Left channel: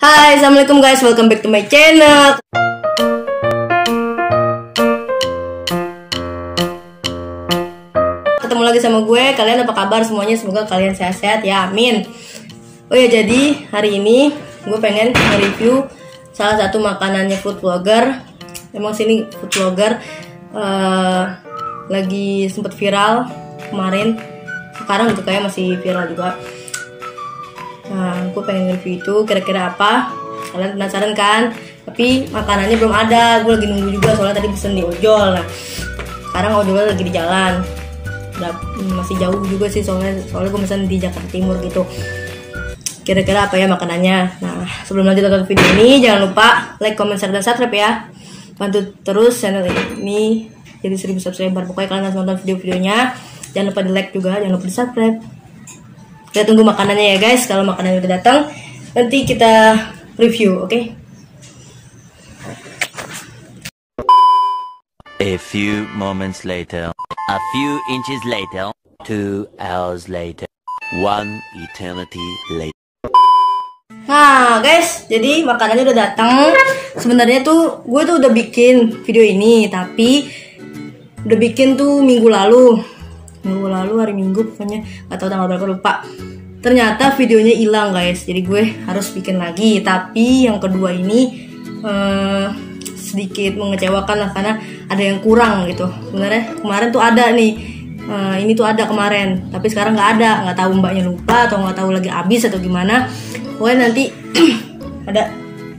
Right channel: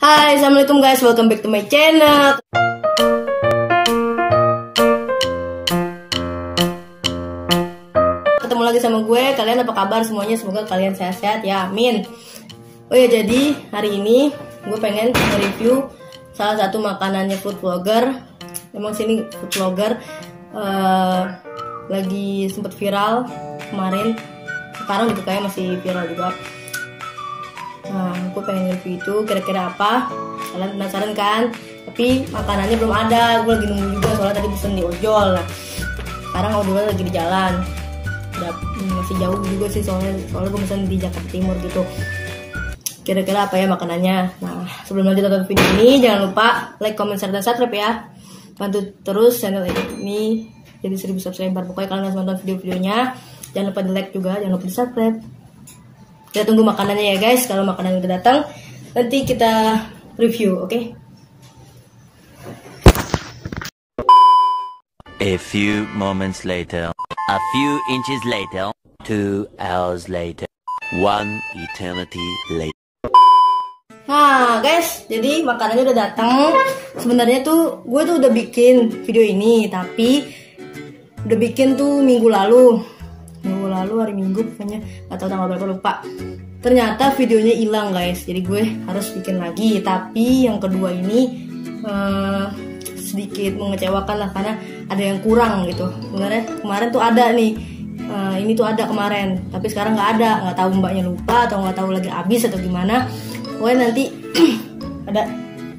Hai, assalamualaikum guys, welcome back to my channel. Ketemu lagi sama gue, kalian apa kabar semuanya? Semoga kalian sehat-sehat ya, amin. Oh ya, jadi hari ini gue pengen nge-review salah satu makanannya food vlogger. Emang sini food vlogger lagi sempet viral kemarin, sekarang juga kayak masih viral juga. Nah, gue pengen review itu kira-kira apa. Kalian penasaran kan? Tapi makanannya belum ada. Gue lagi nunggu juga soalnya tadi pesen di ojol. Nah, sekarang ojolnya lagi di jalan. Nah, masih jauh juga sih soalnya gue pesen di Jakarta Timur gitu. Kira-kira apa ya makanannya? Nah, sebelum lanjut tonton video ini jangan lupa like, comment, share, dan subscribe ya. Bantu terus channel ini jadi 1000 subscriber. Pokoknya kalian harus nonton video-videonya. Jangan lupa di like juga, jangan lupa di subscribe. Kita tunggu makanannya ya guys. Kalau makanannya udah datang, nanti kita review, oke? A few moments later, a few inches later, 2 hours later, 1 eternity later. Nah guys, jadi makanannya udah datang. Sebenarnya tuh gue tuh udah bikin video ini, tapi udah bikin tuh minggu lalu, hari Minggu pokoknya, nggak tahu tanggal berapa, lupa. Ternyata videonya hilang guys, jadi gue harus bikin lagi. Tapi yang kedua ini sedikit mengecewakan lah, karena ada yang kurang gitu. Sebenarnya kemarin tuh ada nih, ini tuh ada kemarin, tapi sekarang nggak ada. Nggak tahu mbaknya lupa atau nggak tahu lagi habis atau gimana. Pokoknya nanti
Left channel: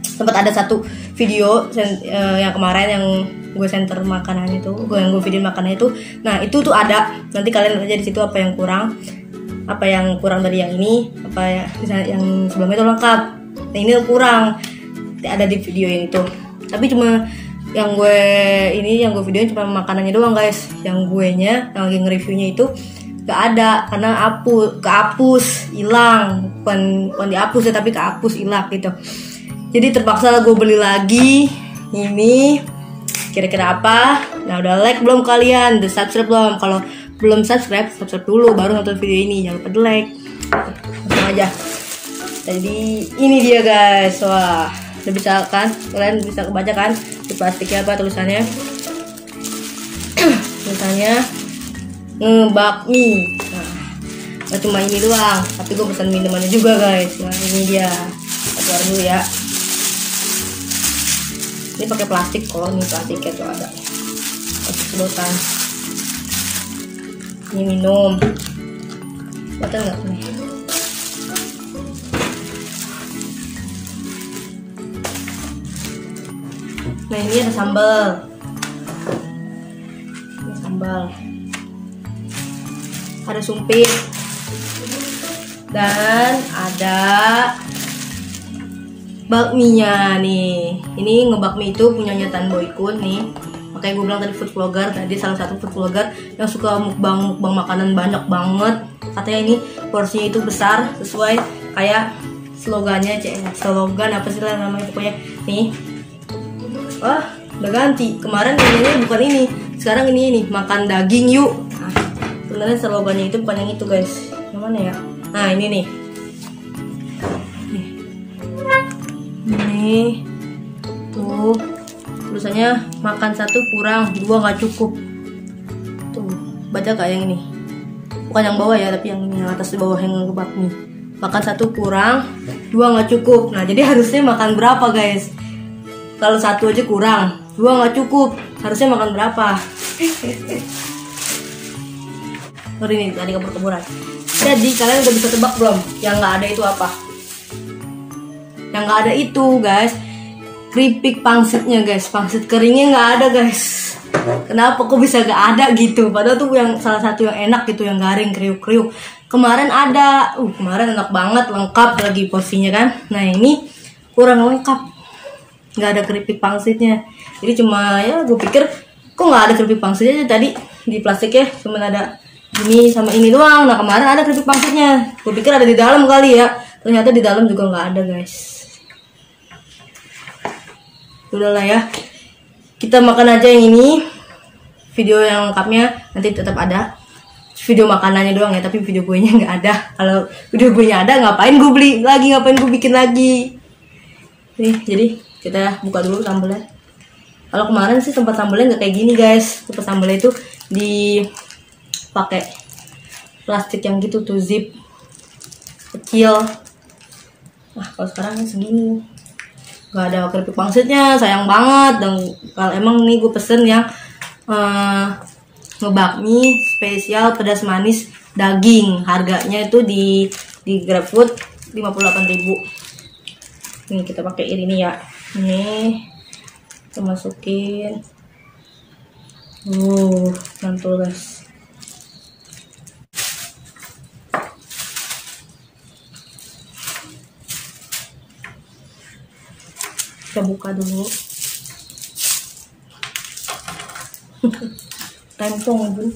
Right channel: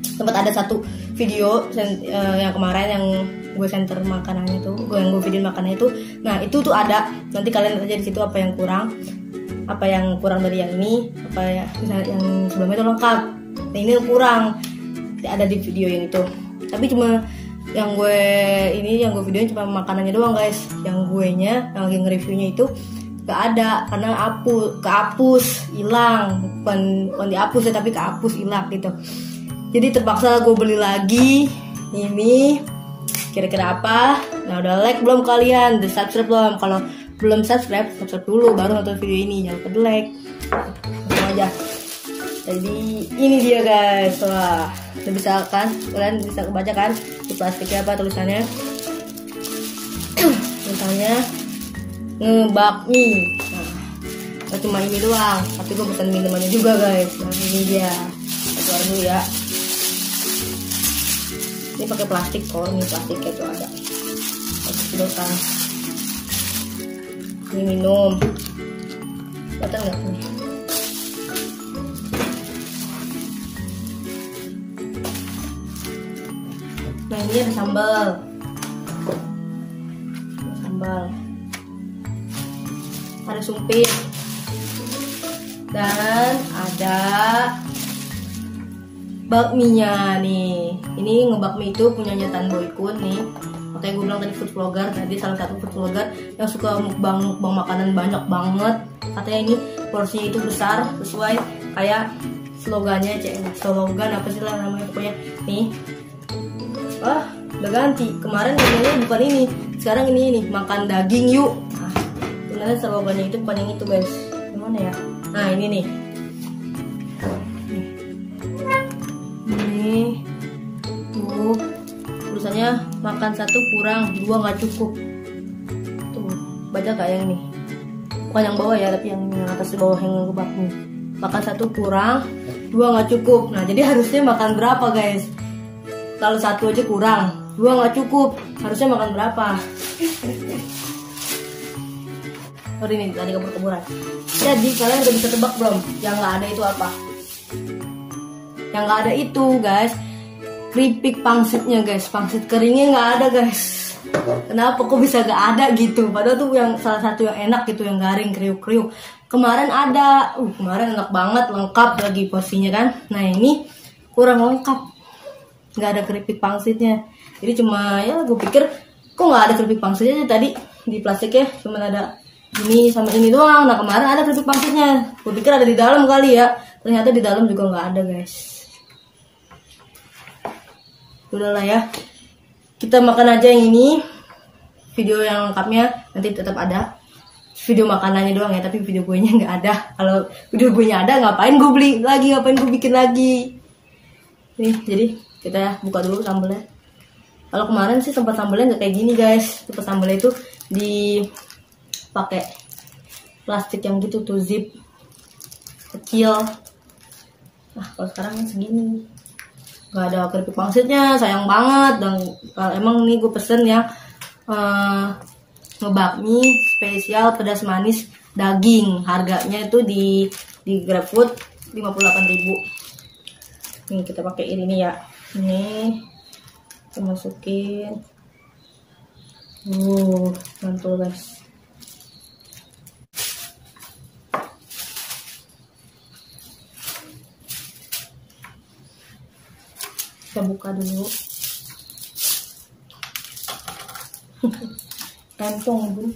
sempat ada satu video yang kemarin yang gue center makanannya itu, yang gue video makanannya itu. Nah itu tuh ada, nanti kalian lihat aja di situ apa yang kurang dari yang ini, apa ya misalnya yang sebelumnya itu lengkap. Nah ini kurang, ada di video yang itu. Tapi cuma yang gue videoin cuma makanannya doang guys. Yang yang lagi nge-reviewnya itu gak ada karena kehapus, hilang. Bukan dihapus ya, tapi kehapus, hilang gitu. Jadi terpaksa gue beli lagi ini. Kira-kira apa? Nah udah like belum kalian? Udah subscribe belum? Kalau belum subscribe dulu baru nonton video ini. Jangan lupa di like. Langsung aja. Jadi ini dia guys. Wah, udah bisa kan? Kalian bisa kebaca kan? Di plastiknya apa tulisannya? Tulisannya ngebakmi. Nah, gak cuma ini doang, tapi gue pesan minumannya juga guys. Nah, ini dia. Keluar dulu ya. Ini pakai plastik kok, ini plastiknya tuh ada sedotan. Ini minum, betul nggak nih? Nah ini ada sambal, ada sumpit, dan ada bakminya nih. Ini ngebakmi itu punyanya Tan Boykun nih. Makanya gue bilang tadi food vlogger, tadi salah satu food vlogger yang suka mukbang makanan banyak banget. Katanya ini porsinya itu besar, sesuai kayak slogannya, slogan apa sih lah namanya pokoknya nih. Wah, udah ganti. Kemarin kayaknya bukan ini, sekarang ini makan daging yuk. Nah, sebenarnya slogannya itu bukan yang itu guys. Yang mana ya? Nah ini nih. Ini tuh tulisannya makan satu kurang, 2 nggak cukup. Tuh baca gak yang ini? Bukan yang bawah ya, tapi yang ini, yang atas di bawah yang ngebakmi. Makan satu kurang, 2 nggak cukup. Nah jadi harusnya makan berapa guys? Kalau 1 aja kurang, 2 nggak cukup, harusnya makan berapa? Sorry nih, tadi kebur-keburan. Jadi kalian udah bisa tebak belum? Yang nggak ada itu apa? Yang nggak ada itu guys, keripik pangsitnya guys. Pangsit keringnya nggak ada guys. Kenapa kok bisa nggak ada gitu? Padahal tuh yang salah satu yang enak gitu, yang garing kriuk-kriuk. Kemarin ada, kemarin enak banget, lengkap lagi porsinya kan. Nah ini kurang lengkap, nggak ada keripik pangsitnya. Jadi cuma ya gue pikir kok nggak ada keripik pangsitnya, tadi di plastiknya cuma ada ini sama ini doang. Nah kemarin ada keripik pangsitnya, gue pikir ada di dalam kali ya. Ternyata di dalam juga nggak ada guys. Udah lah ya, kita makan aja yang ini. Video yang lengkapnya nanti tetap ada. Video makanannya doang ya, tapi video gue nya nggak ada. Kalau video gue nya ada, ngapain gue beli lagi, ngapain gue bikin lagi. Nih, jadi kita buka dulu sambelnya. Kalau kemarin sih tempat sambelnya nggak kayak gini guys. Tempat sambelnya itu dipakai plastik yang gitu tuh, zip kecil. Nah kalau sekarang segini, nggak ada keripik pangsitnya, sayang banget. Dan kalau emang nih gue pesen yang ngebakmi spesial pedas manis daging, harganya itu di GrabFood 58.000. Ini kita pakai ini ya. Ini kita masukin. Mantul guys. Kita buka dulu. Tempong bun.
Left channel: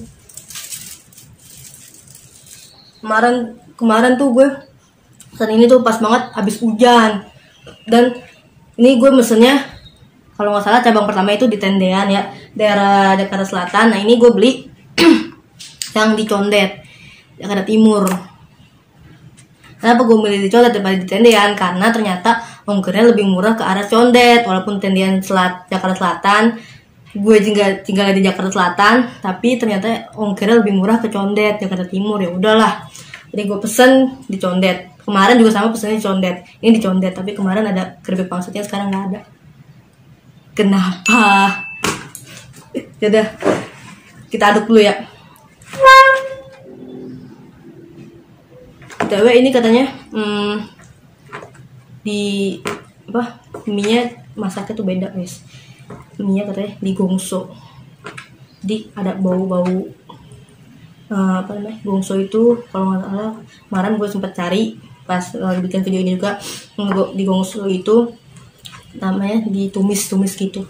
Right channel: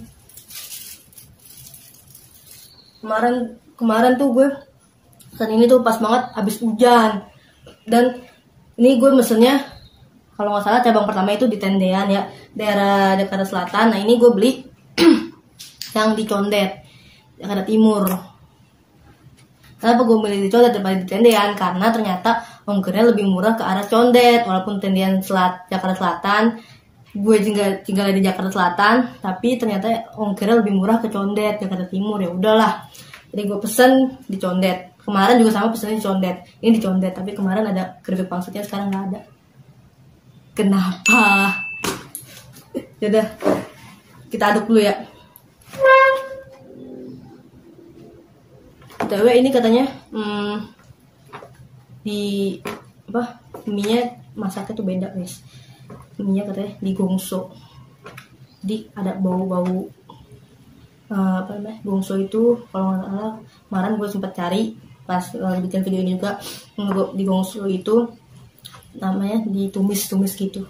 Kemarin tuh gue saat ini tuh pas banget habis hujan, dan ini gue mesennya kalau nggak salah cabang pertama itu di Tendean ya, daerah Jakarta Selatan. Nah ini gue beli yang di Condet, Jakarta Timur. Kenapa gue milih di Condet daripada di Tendean? Karena ternyata ongkirnya lebih murah ke arah Condet, walaupun Tendean Jakarta Selatan. Gue tinggal di Jakarta Selatan, tapi ternyata ongkirnya lebih murah ke Condet, Jakarta Timur. Ya udahlah, jadi gue pesen di Condet. Kemarin juga sama pesennya di Condet, ini di Condet, tapi kemarin ada keripik pangsitnya, sekarang nggak ada. Kenapa? Yaudah, kita aduk dulu ya. BTW ini katanya di mie-nya masaknya tuh beda guys. Mie-nya katanya digongso, jadi ada bau-bau gongso itu. Kalau nggak salah kemarin gue sempat cari pas bikin video ini juga, di gongso itu namanya ditumis gitu,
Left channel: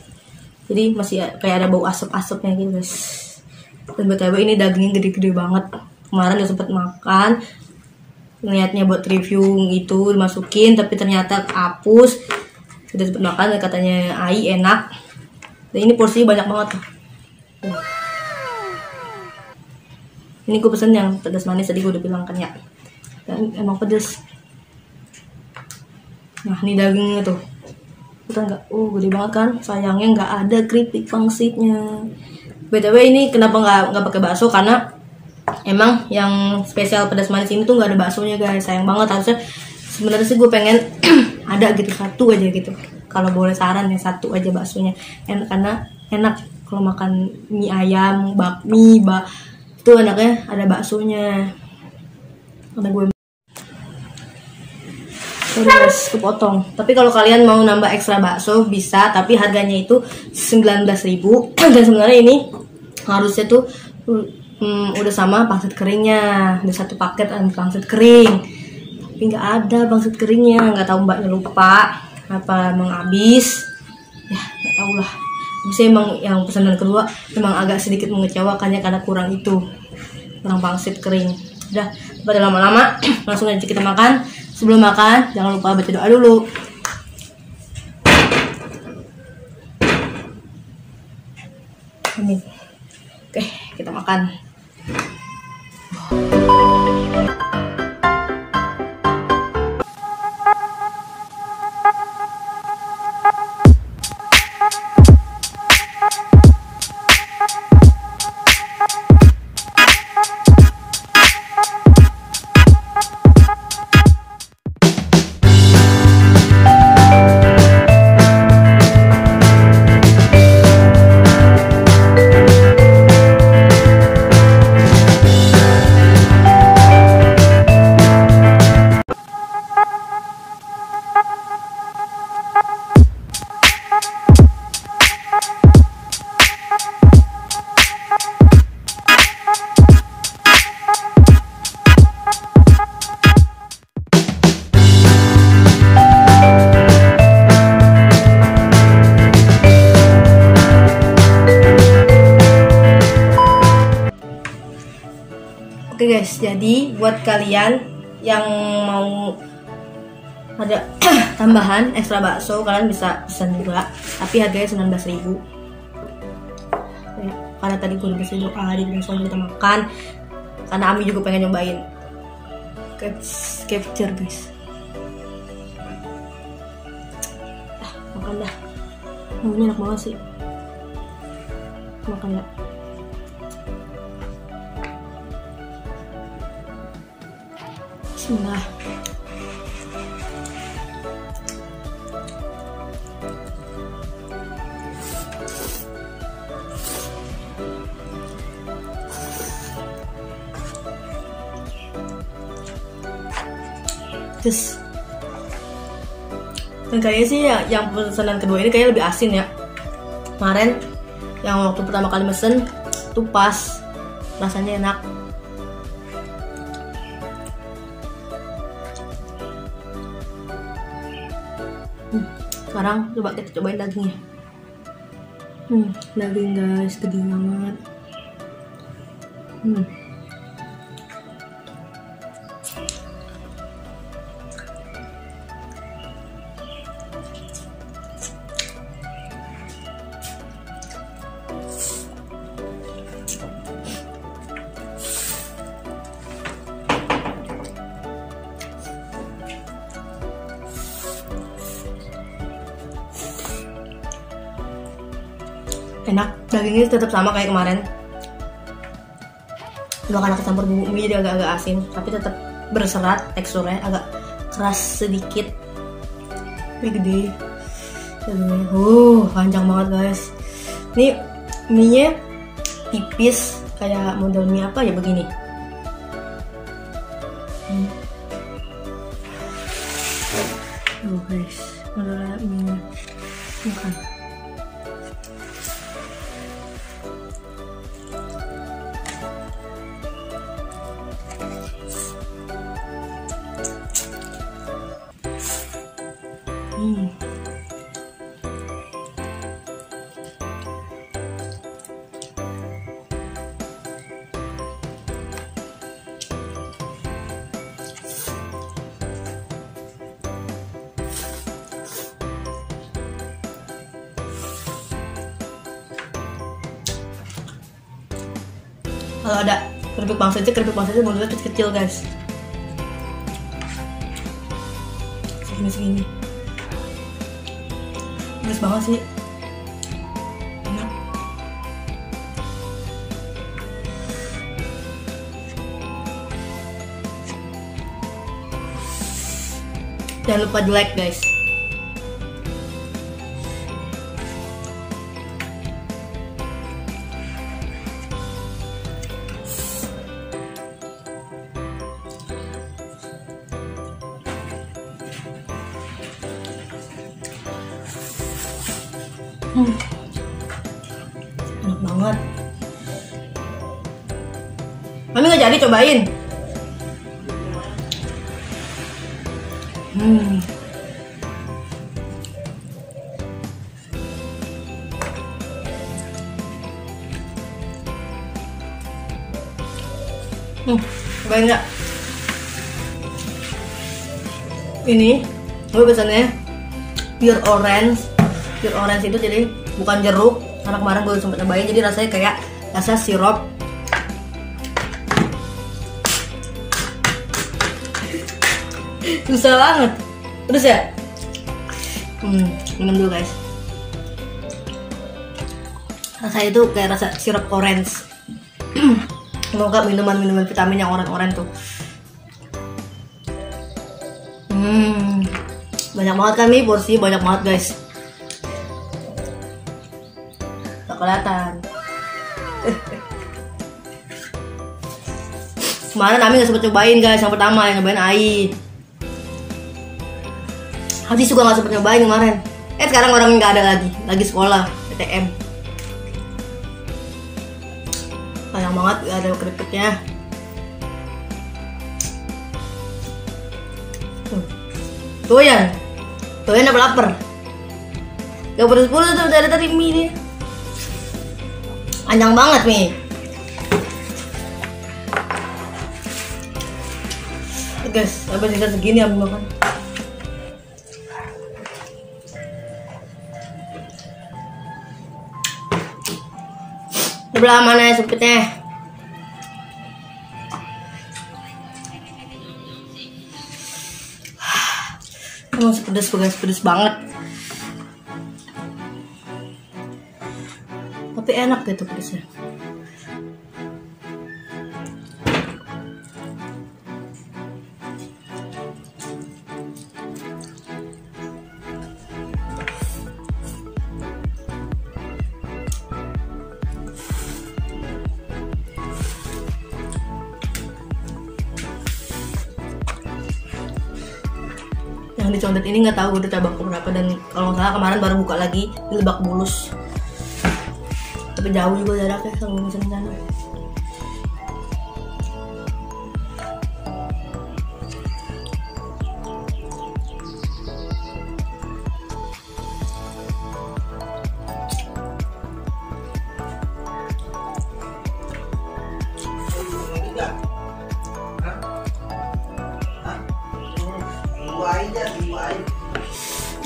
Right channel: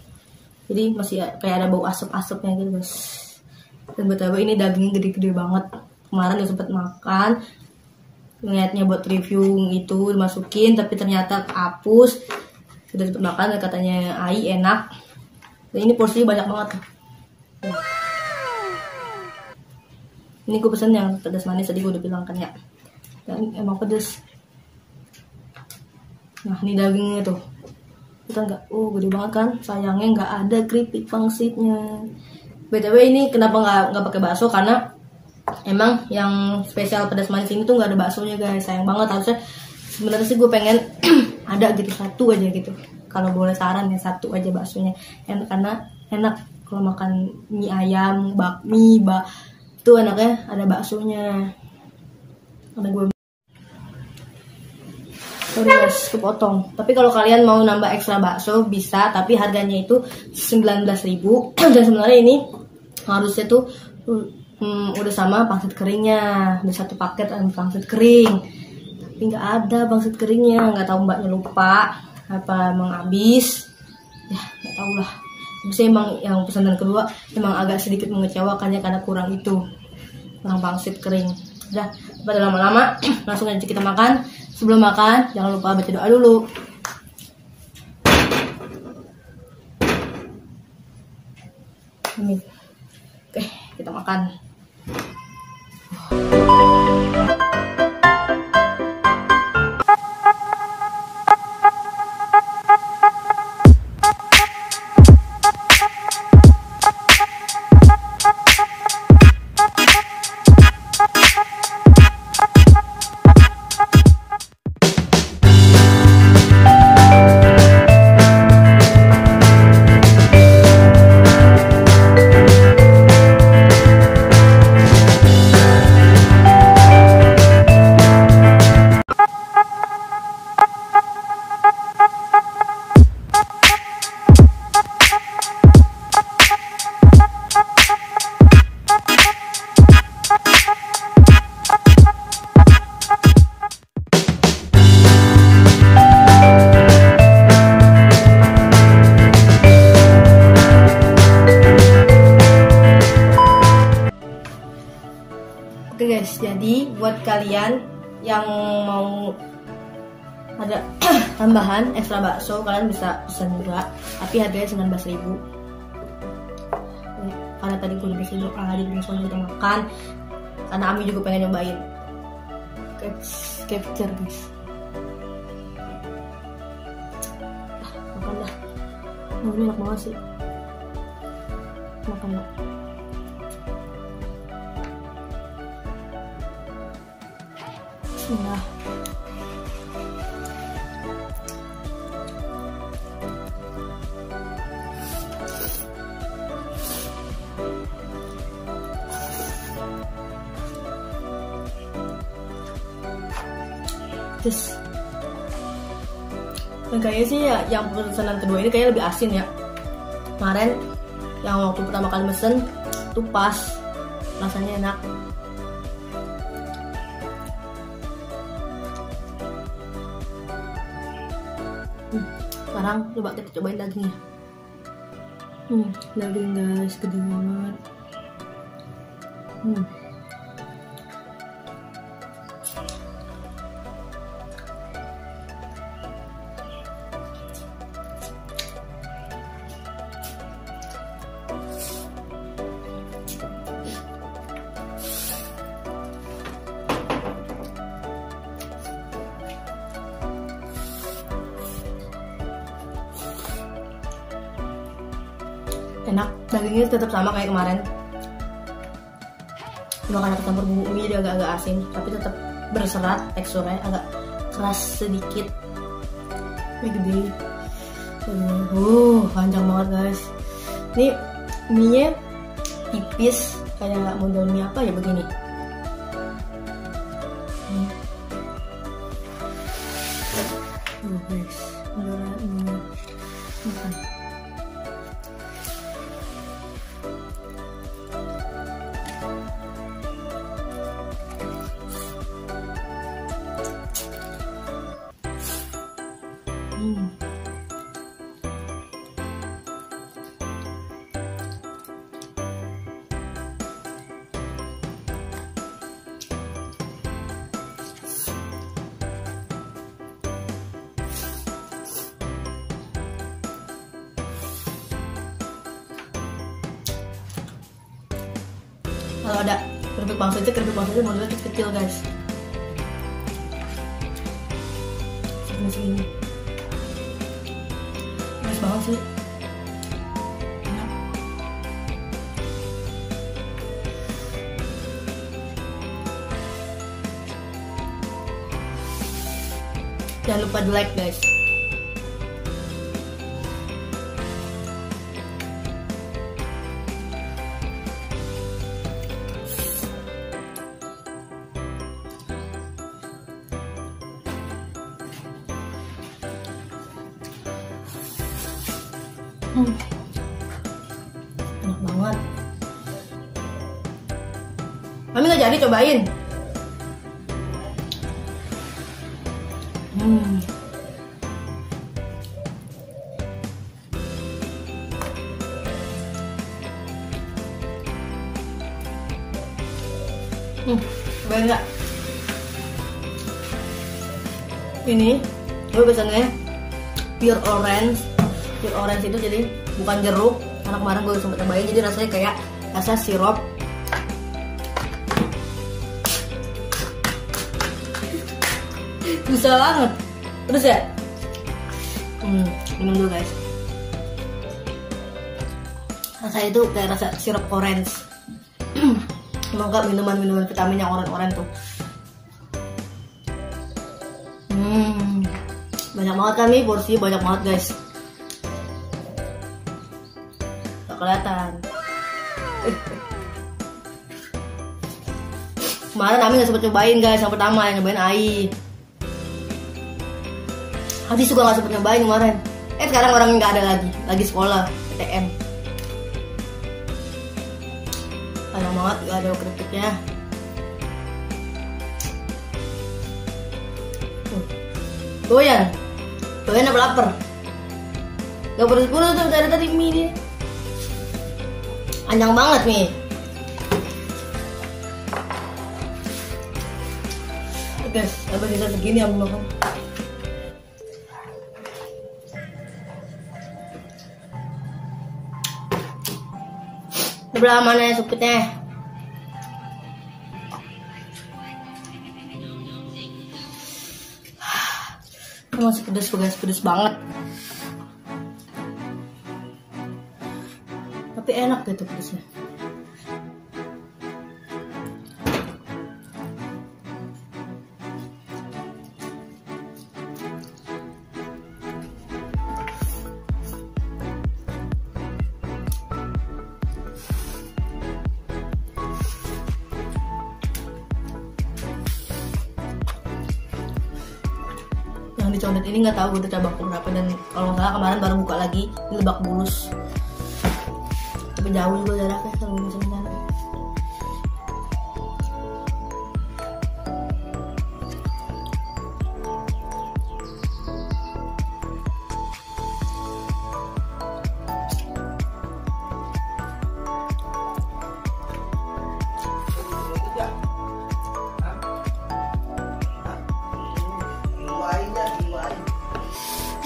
jadi masih kayak ada bau asap-asapnya gitu guys. Dan BTW ini dagingnya gede-gede banget. Kemarin udah sempat makan, niatnya buat review itu dimasukin, tapi ternyata hapus. Sudah sempat makan dan katanya ai enak. Dan ini porsinya banyak banget tuh. Ini gue pesen yang pedas manis, tadi gue udah bilang kan ya, dan emang pedas. Nah ini dagingnya tuh, kita nggak, gede banget kan. Sayangnya nggak ada keripik pangsitnya. BTW ini kenapa nggak pakai bakso? Karena emang yang spesial pedas manis ini tuh nggak ada baksonya guys. Sayang banget. Harusnya sebenarnya sih gue pengen ada gitu, satu aja gitu. Kalau boleh saran ya, satu aja baksonya. Karena enak kalau makan mie ayam, bakmi, itu enaknya ada baksonya. Karena gue guys kepotong. Tapi kalau kalian mau nambah ekstra bakso bisa, tapi harganya itu 19.000. Dan sebenarnya ini harusnya tuh udah sama pangsit keringnya, ada satu paket pangsit kering, tapi nggak ada pangsit keringnya. Nggak tahu mbaknya lupa apa emang habis ya, nggak tahu lah. Bisa emang yang pesanan kedua emang agak sedikit mengecewakannya karena kurang pangsit kering. Udah, pada lama-lama langsung aja kita makan. Sebelum makan jangan lupa baca doa dulu. Amin. Oke, kita makan. Oke guys, jadi buat kalian yang mau ada tambahan ekstra bakso, kalian bisa pesan juga, tapi harganya 19.000. Karena tadi gue udah doa di langsung kita makan, karena Ami juga pengen nyobain. Capture guys. Ini enak banget sih. Makan ya. Bismillah. Terus dan kayaknya sih ya, yang pesanan kedua ini kayaknya lebih asin ya. Kemarin yang waktu pertama kali mesen tuh pas, rasanya enak. Sekarang coba kita cobain dagingnya. Daging guys, gede banget. Enak, dagingnya tetap sama kayak kemarin. Cuma karena kecampur bumbu mie jadi agak-agak asin, tapi tetap berserat, teksturnya agak keras sedikit. Ini gede. Panjang banget guys. Ini mie-nya tipis kayak model mie apa ya begini. Guys, modelnya mie. Kalau ada keripik pangsitnya modelnya kecil-kecil guys. Segini. Bagus banget sih. Enak. Jangan lupa di like guys. Enak banget. Mami nggak jadi cobain. Cobain nggak? Ini aku pesannya pure orange. Pure orange itu jadi bukan jeruk, karena kemarin gue sempat nyobain, jadi rasanya kayak rasa sirup. Susah banget. Terus ya? Minum dulu guys. Rasanya itu kayak rasa sirup orange. Semoga minuman vitamin yang orange tuh. Banyak banget kan nih, porsi banyak banget guys. Gak kelihatan. Kemarin Ami gak sempet cobain guys, yang pertama yang nyobain Ai. Hadis juga gak sempet nyobain kemarin. Sekarang orangnya gak ada lagi sekolah PTM. Sayang banget gak ada keripiknya. Doyan apa lapar? Gak pedes-pedes tuh dari tadi mie nih. Panjang banget nih. Guys, sampai tidak segini aku makan. Sebelah mana ya supitnya? Masih pedes banget. enak gitu pedasnya. Yang di Condet ini nggak tahu udah cabang berapa, dan kalau nggak salah kemarin baru buka lagi di Lebak Bulus. Tapi jauh juga jaraknya sama musim sana.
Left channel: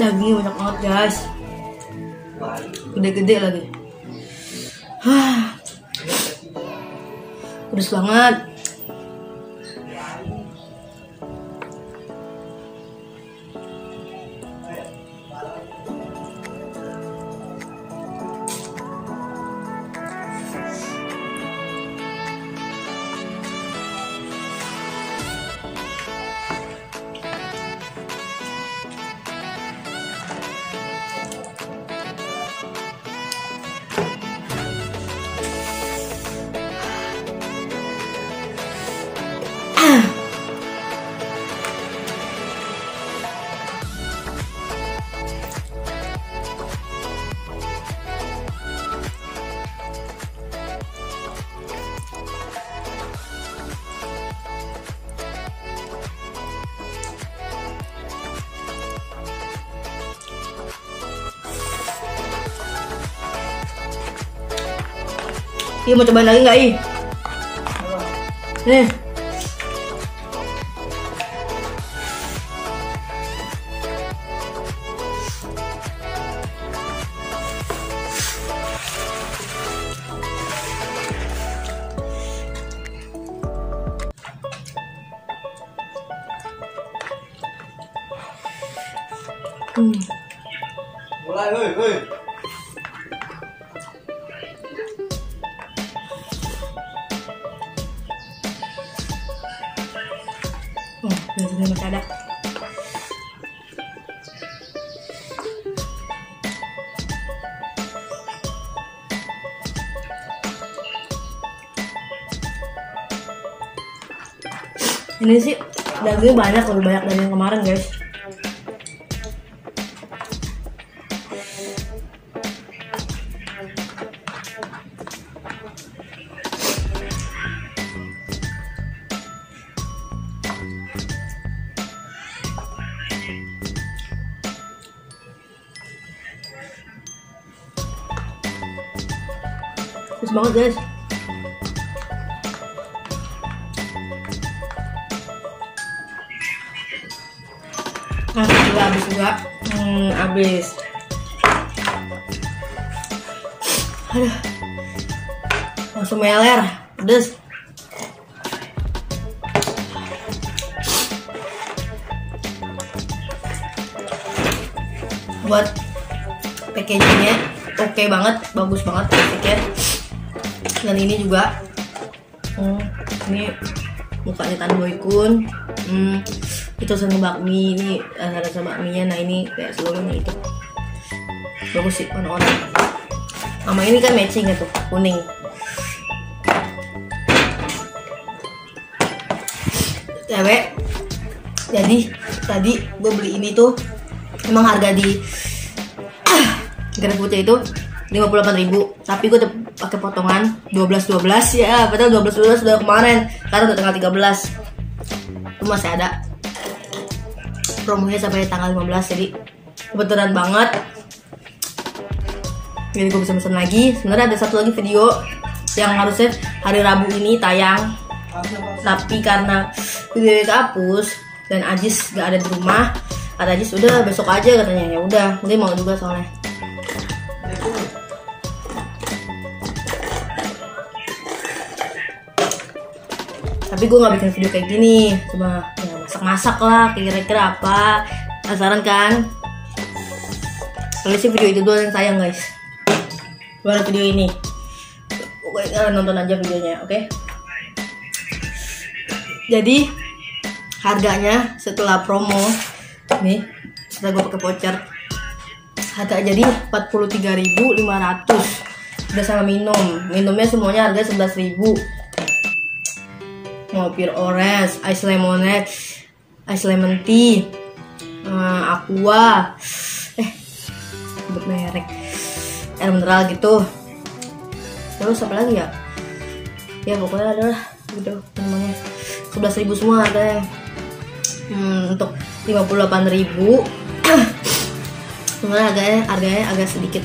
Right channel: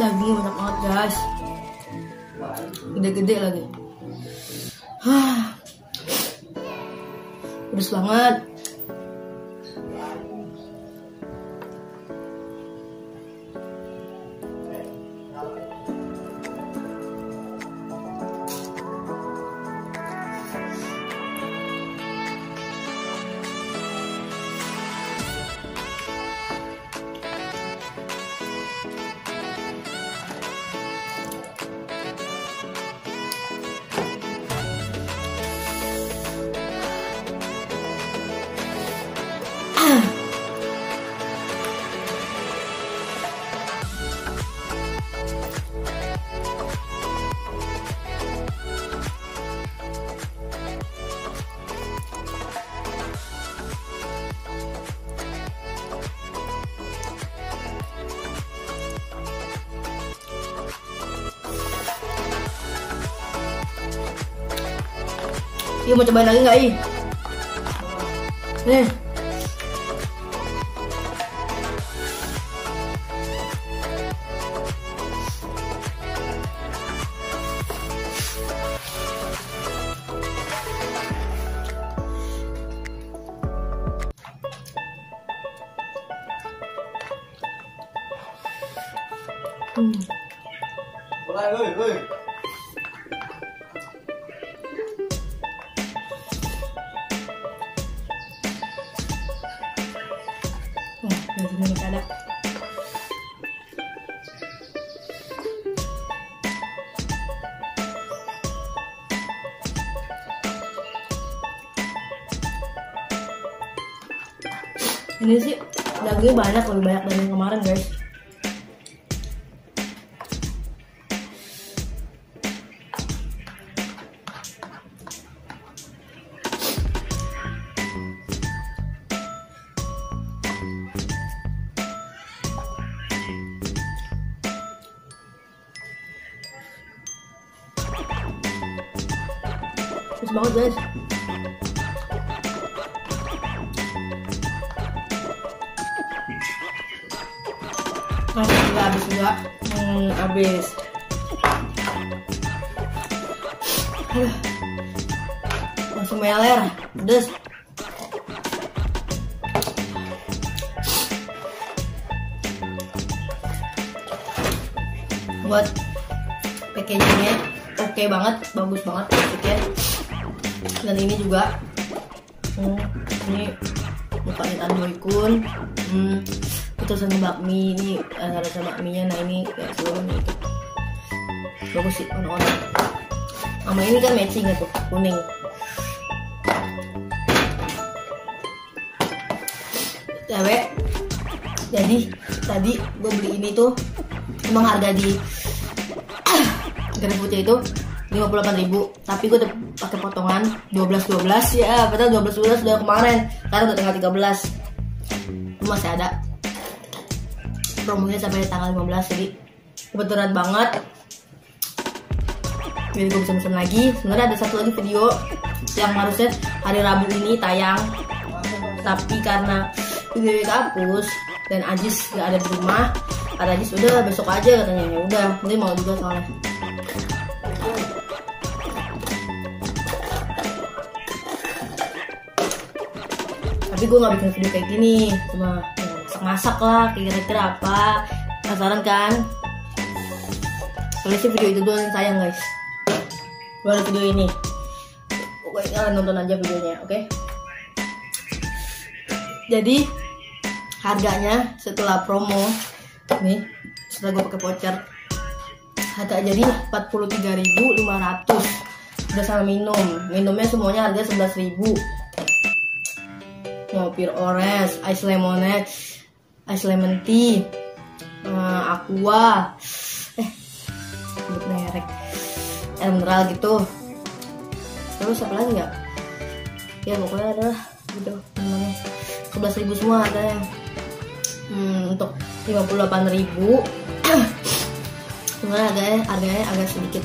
Dagingnya banyak banget guys, gede-gede lagi. Pedes banget. Ih, mau cobain lagi nggak ih? Nih. Mulai, woi. Ada. Ini sih dagingnya banyak, lebih banyak dari yang kemarin guys. Pedes banget guys. Nah, juga habis juga. Habis. Aduh. Langsung meler. Pedes. Buat packagingnya oke banget, bagus banget packagingnya. Dan ini juga ini mukanya Tandoikun, itu sama bakmi, ini rasa bakminya. Nah ini kayak sebelumnya itu bagus sih, warna-warna sama ini kan matching ya tuh, kuning. Cewek, jadi tadi gue beli ini tuh emang harga di GrabFood itu 58.000, tapi gue udah pakai potongan 12 ya, padahal 12 udah kemarin, karena udah tanggal 13. Itu masih ada promonya sampai tanggal 15, jadi kebetulan banget. Jadi gue bisa pesen lagi. Sebenarnya ada satu lagi video yang harusnya hari Rabu ini tayang, tapi karena videonya kehapus dan Ajis gak ada di rumah, kata Ajis udah besok aja katanya. Ya udah, dia mau juga soalnya. Tapi gue gak bikin video kayak gini, cuma masak-masak lah, kira-kira apa. Penasaran kan? Kalau sih video itu doang yang sayang guys. Baru video ini. Pokoknya kalian nonton aja videonya, oke? Jadi harganya setelah promo nih, setelah gue pakai voucher, harga jadi 43.500 udah sama minumnya semuanya harga 11.000. Mau pure orange, ice lemonade, ice lemon tea, aqua, sebut merek, air mineral gitu. Terus apa lagi ya? Ya pokoknya adalah gitu namanya 11.000 semua harganya. Untuk 58.000 sebenarnya harganya agak sedikit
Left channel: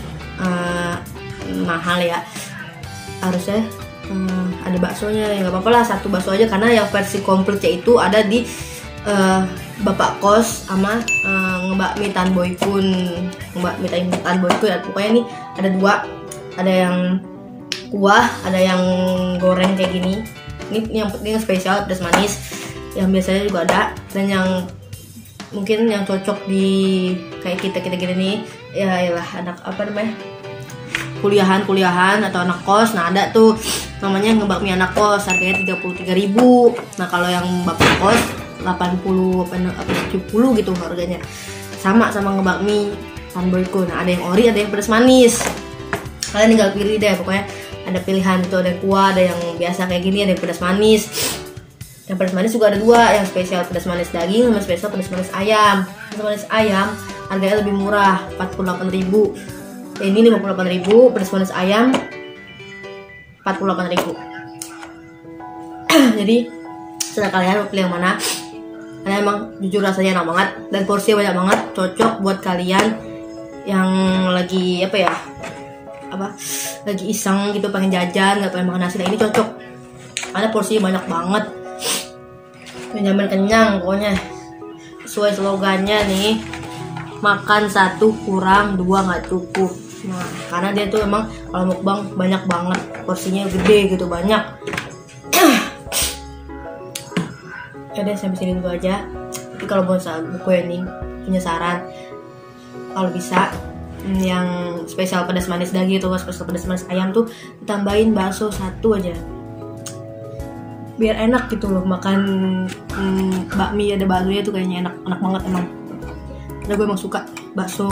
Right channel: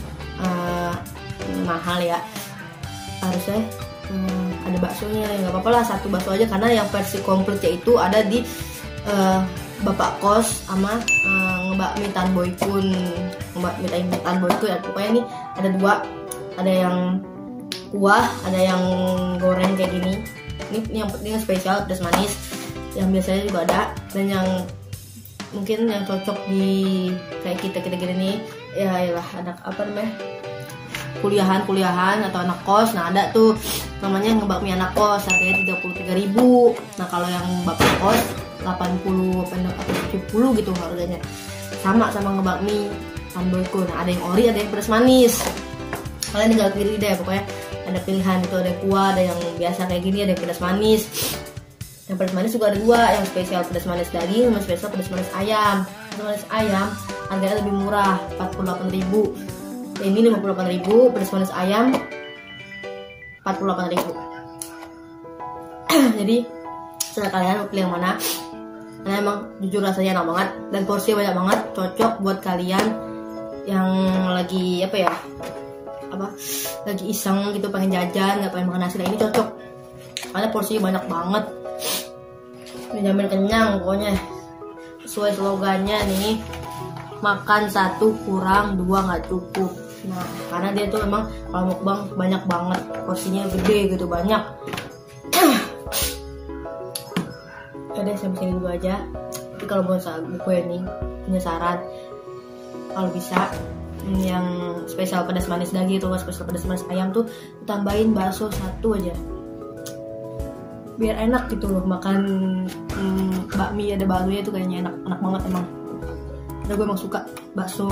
mahal ya. Harusnya ada baksonya, ya nggak apa-apa lah, satu bakso aja, karena yang versi komplitnya itu ada di Bapak Kos sama ngebakmi Tan Boy Kun. Ngebakmi Tan Boy Kun pokoknya nih ada dua, ada yang kuah, ada yang goreng kayak gini. Ini yang spesial pedas manis, yang biasanya juga ada, dan yang mungkin yang cocok di kayak kita gini nih ya, ialah anak apa namanya, kuliahan atau anak kos. Nah ada tuh namanya ngebakmi anak kos, harganya 33.000. Nah kalau yang bapak kos 80 atau 70 gitu harganya, sama ngebakmi Tan Boy Kun. Nah ada yang ori, ada yang pedas manis, kalian tinggal pilih deh. Pokoknya ada pilihan itu, ada kuah, ada yang biasa kayak gini, ada yang pedas manis. Yang pedas manis juga ada dua, yang spesial pedas manis daging sama spesial pedas manis ayam. Pedas manis ayam harganya lebih murah, 48.000. Ini 58.000, pedas manis ayam 48.000. Jadi setelah kalian mau pilih yang mana, karena emang jujur rasanya enak banget dan porsinya banyak banget, cocok buat kalian yang lagi lagi iseng gitu, pengen jajan, nggak pengen makan nasi. Nah ini cocok karena porsinya banyak banget, menjamin kenyang. Pokoknya sesuai slogannya nih, makan satu kurang dua nggak cukup. Nah karena dia tuh emang kalau mukbang banyak banget, porsinya gede gitu, banyak. Udah sampai sini dulu aja. Tapi kalau gue nih punya saran, kalau bisa yang spesial pedas manis daging itu, spesial pedas manis ayam tuh tambahin bakso satu aja, biar enak gitu loh makan. Bakmi ada baksonya tuh kayaknya enak banget emang. Karena gue emang suka bakso,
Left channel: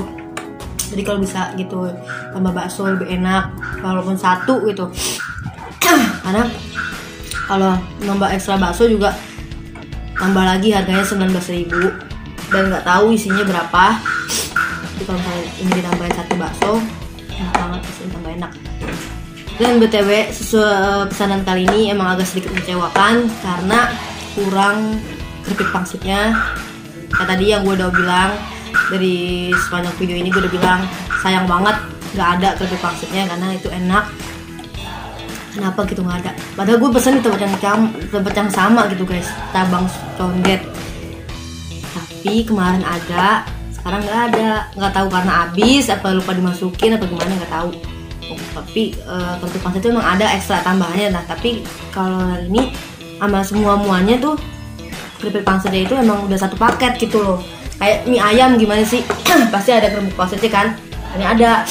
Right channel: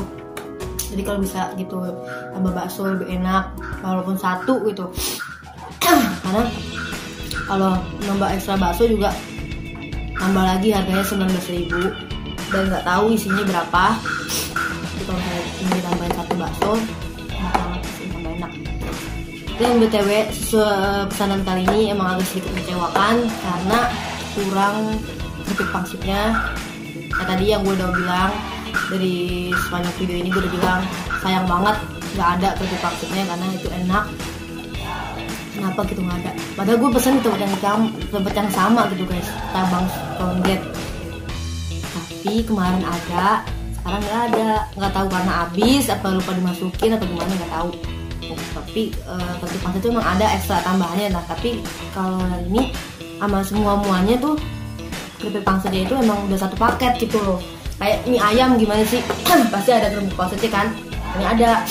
jadi kalau bisa gitu tambah bakso lebih enak, walaupun satu gitu. Karena kalau nambah ekstra bakso juga tambah lagi harganya 19.000, dan nggak tahu isinya berapa. Jadi kalau misalnya dinambahin satu bakso, enak banget, tambah enak. Dan BTW pesanan kali ini emang agak sedikit mengecewakan karena kurang keripik pangsitnya. Kayak tadi yang gue udah bilang, dari sepanjang video ini gue udah bilang sayang banget nggak ada keripik pangsitnya, karena itu enak. Kenapa gitu nggak ada? Padahal gue pesen di tempat yang sama gitu guys, Tabang Condet. Tapi kemarin ada, sekarang nggak ada. Nggak tahu karena habis, apa lupa dimasukin atau gimana, nggak tahu. Tapi keripik pangsit itu emang ada ekstra tambahannya. Nah tapi kalau ini sama semuanya tuh keripik pangsitnya itu emang udah satu paket gitu loh. Kayak mie ayam gimana sih? Pasti ada keripik pangsitnya kan? Ini ada,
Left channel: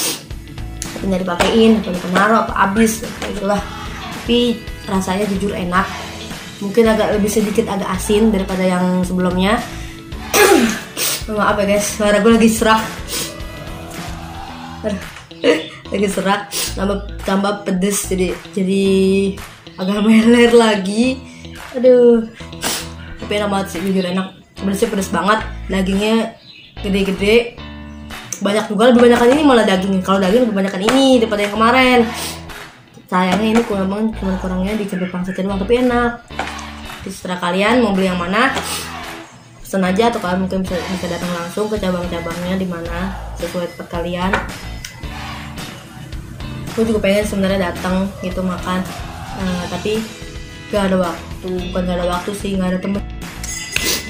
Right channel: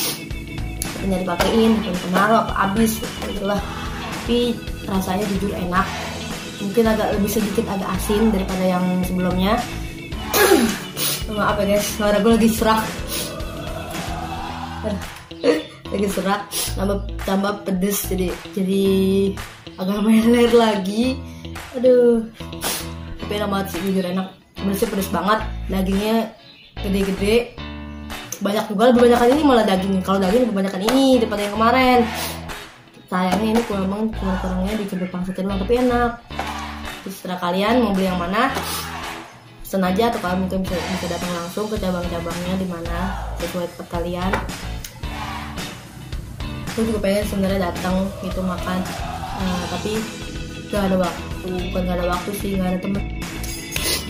tinggal dipakein, naruh apa habis itulah. Tapi rasanya jujur enak, mungkin agak sedikit agak asin daripada yang sebelumnya. Maaf ya guys, suara gue lagi serak, tambah pedes, jadi agak meler lagi. Aduh, tapi enak banget sih, jujur enak. Sebenarnya pedes banget, dagingnya gede-gede, banyak juga. Lebih banyakan ini malah dagingnya. Kalau daging lebih banyakan ini daripada yang kemarin. Sayangnya ini kurangnya di keripik pangsitnya doang, tapi enak. Terserah kalian mau beli yang mana, pesan aja, atau kalian mungkin bisa datang langsung ke cabang-cabangnya di mana sesuai tempat kalian. Aku juga pengen sebenarnya datang gitu makan, tapi gak ada waktu. Bukan gak ada waktu sih, gak ada temen.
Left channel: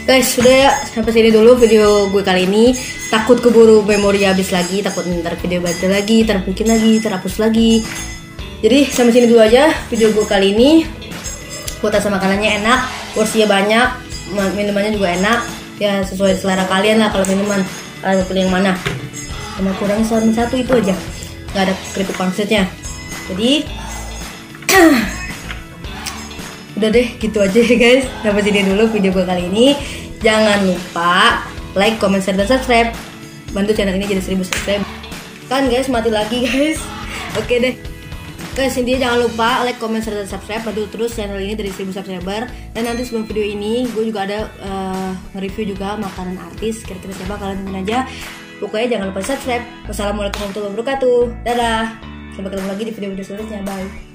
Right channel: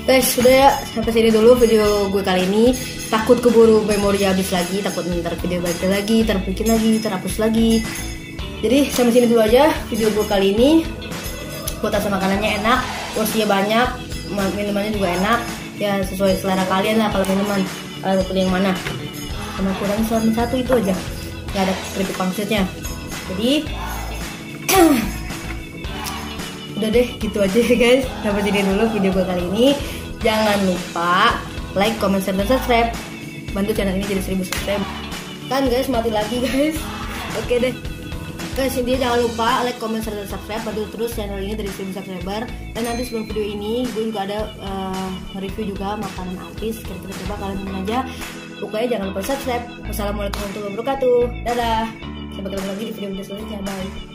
Guys, sudah ya, sampai sini dulu video gue kali ini. Takut keburu memori habis lagi, takut ntar video ganti lagi, terbikin lagi, terhapus lagi. Jadi sampai sini dulu aja video gue kali ini. Buat rasa makanannya enak, porsinya banyak, minumannya juga enak. Ya sesuai selera kalian lah. Kalau minuman kalian pilih yang mana. Sama kurangnya satu itu aja, gak ada keripik pangsitnya. Jadi Udah deh, gitu aja ya guys. Sampai jadi dulu video gue kali ini. Jangan lupa like, comment, share, dan subscribe. Bantu channel ini jadi 1000 subscribe. Kan guys, mati lagi guys. Oke deh guys, intinya jangan lupa like, comment, share, dan subscribe. Bantu terus channel ini dari 1000 subscriber. Dan nanti sebelum video ini gue juga ada nge-review juga makanan artis. Kira-kira siapa, kalian nonton aja. Pokoknya jangan lupa subscribe. Wassalamualaikum warahmatullahi wabarakatuh. Dadah. Sampai ketemu lagi di video-video selanjutnya. Bye.